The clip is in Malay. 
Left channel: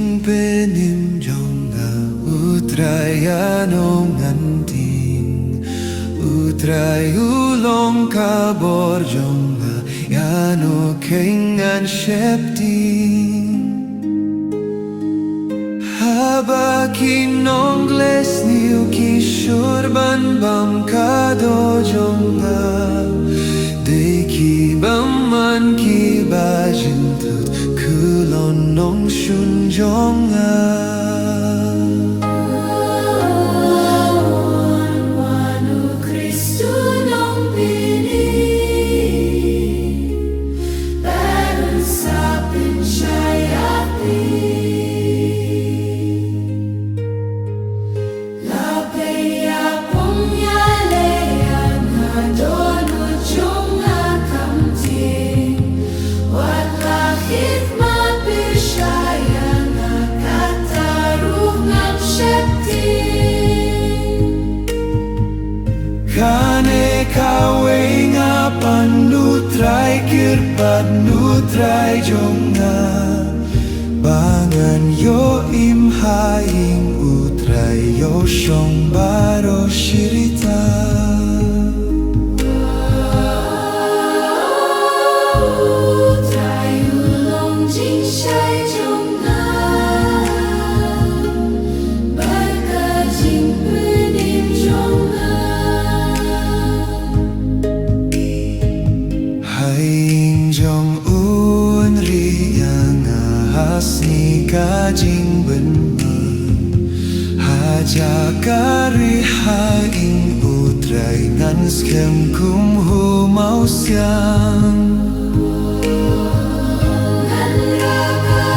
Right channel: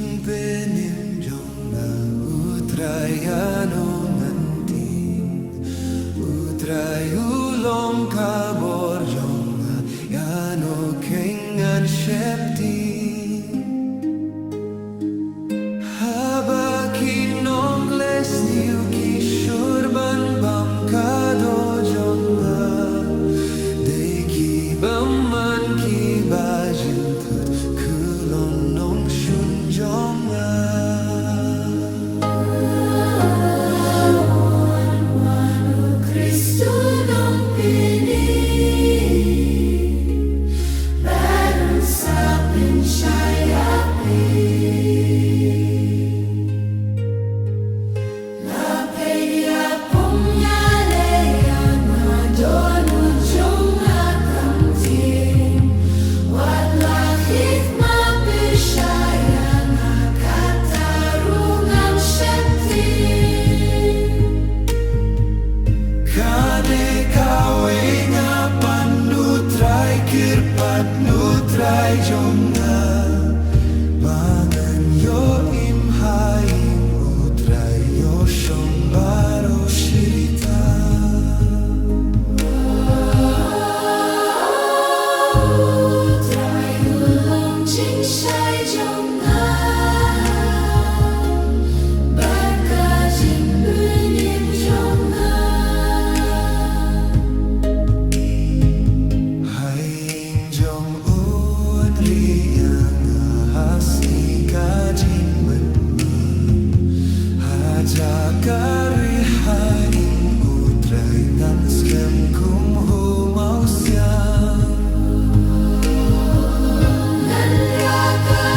jing penim jonga utrayano nganting utrayulong kabor jonga yano kengan shepting haba kinongles niu kishurban bam kado jonga deki baman ki bajintut kulon nong shun jonga Kane kawe nga panutray kirpad nutray jonga bangan yo imhaing utray yo shong baro shirita utray ulong jing shai jonga baka jing penim jonga Haing jong un riyang ahas ni kajing benman haja kari haing utray ngan skem kum humau siang ngan raka